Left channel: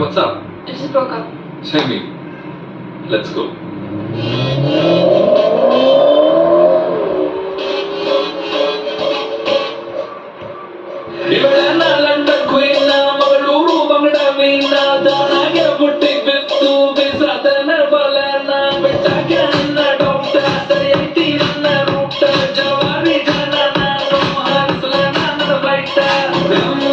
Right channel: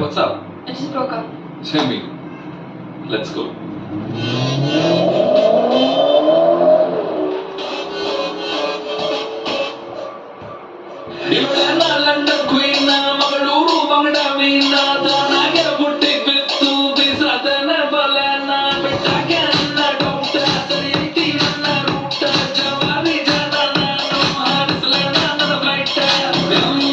what's up? I just broke up. Tell me. Let's go. ಇವಳನ್ನ London queen ಮಗಳೂರು ಬಂಗಡ ಮೀನ ತಾನಾಗೆ ಬುಟ್ಟಿ ಬಿತ್ತು ಬಿಸಾದನ ಬಲನ ಬಿಟ್ಟಾಗ ನನ್ನ ಡಾಕ್ಟರ್ ಸರಿ ಐತಿ ನನ್ನ ರೂಟ ಜವಾರಿ ಜನ ನಾನು ಹಾರಿಸಲ ನನ್ನ ಫ್ಲೈಟ್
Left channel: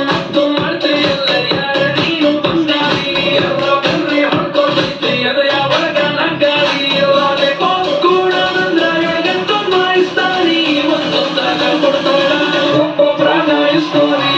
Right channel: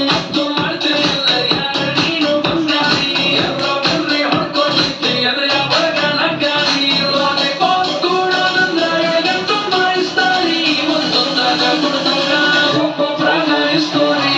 ಮತ್ತು ಮಾಡ್ತೀರಿ ಎಲ್ಲ ಯಾರ ನೀನು ಬಂಗಾರಿ ಎಲ್ಲ ಬರ್ರಿ ಹೊಡ್ಕೊಂಡೈತಿ ಎದೆಯ ಒಳಗ ನಗ್ಗಾರಿ ಲಾಲಿಪಾಪ್ ಕೂಡ ಬಂದ್ರ ಎಳಗಂಟು ಮಾಯಿಸ್ತಾರಿ ಒಂದೊಂದಾಗ ಕೊಡ್ತಾಗ ಒಬ್ಬೊಬ್ರಾಗ ಇಸ್ತಾರಿ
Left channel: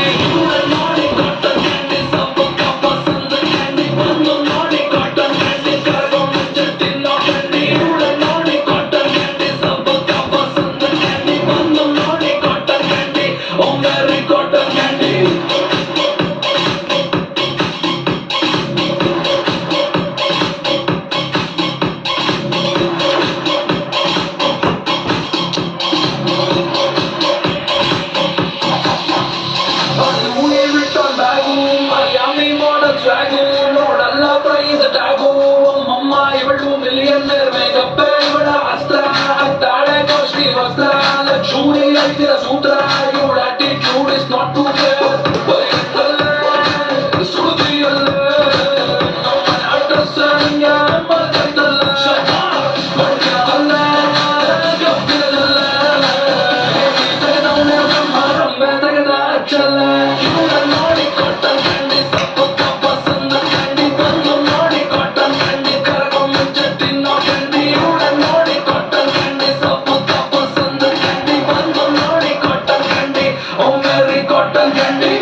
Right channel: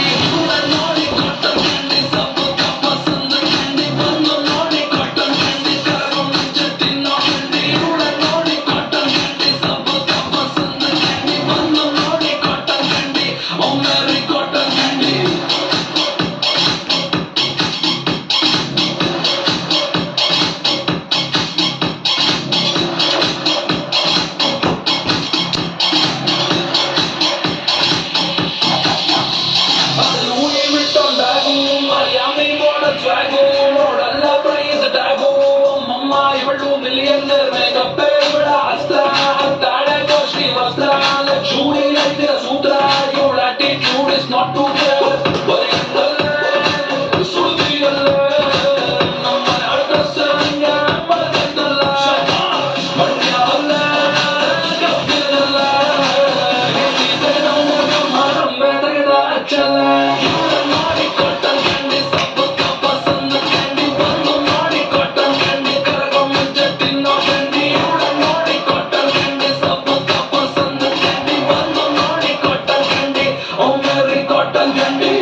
millionaire makeup ಇವಳ ಅಸ್ತ್ರ ತಾಳೆ ಕಾಸ್ಟ್ಲಿ ವಸ್ತ್ರ ಲಕ್ಷೂರಿ ಐತಿರ ಸೂತ್ರ ಇವಳ attitude is not too bad ಸುರುದಿಯಲ್ಲ ನಮ್ಮ ಅಡ್ರೆಸ್ಸನ್ನ ಬದಲ್ಲ ಮಂಡ್ಯಲ್ಲ ಗಬ್ಬಿರಲ್ಲ ರಂಬೆ ತೆಗೆದ ಅಚ್ಚಲ್ಲ ಇವಳ ನೋಡಿ ಕೊಟ್ಟ ಕ್ಯಾಂಡಿ ಸಪ್ಪು ಕಪ್ಪ ಸಂದ ಕ್ಯಾಂಡಿ ಬಂದು ನೋಡಿ ಕೊಟ್ಟ ಕ್ಯಾಂಡಿ ಕರಗೋ ಮುಂಚೆ ತಿನ್ನೋ ಕ್ಯಾಂಡಿ ಇವಳ ನೋಡಿ ಕೊಟ್ಟ ಕ್ಯಾಂಡಿ ಸಪ್ಪು ಕಪ್ಪ ಸಂದ ಕ್ಯಾಂಡಿ ಬಂದು ನೋಡಿ ಕೊಟ್ಟ ಕ್ಯಾಂಡಿ ಓ ಮೇರಿ ಕೊಟ್ಟ candy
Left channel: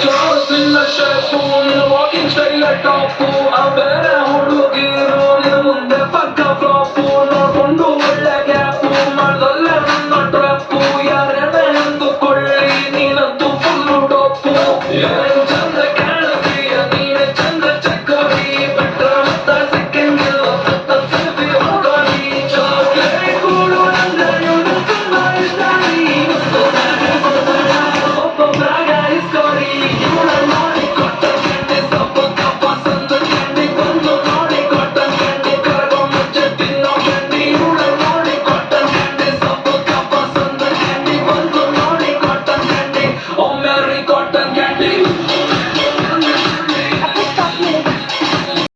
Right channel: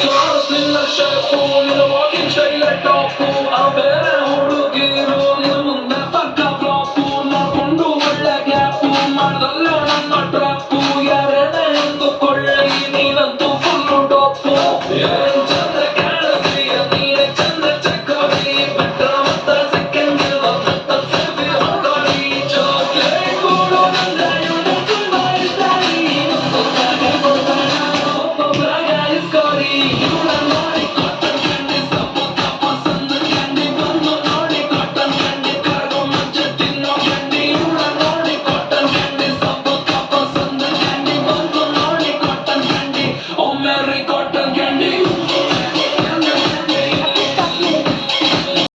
Girls in the shampoo, in the walking style like top.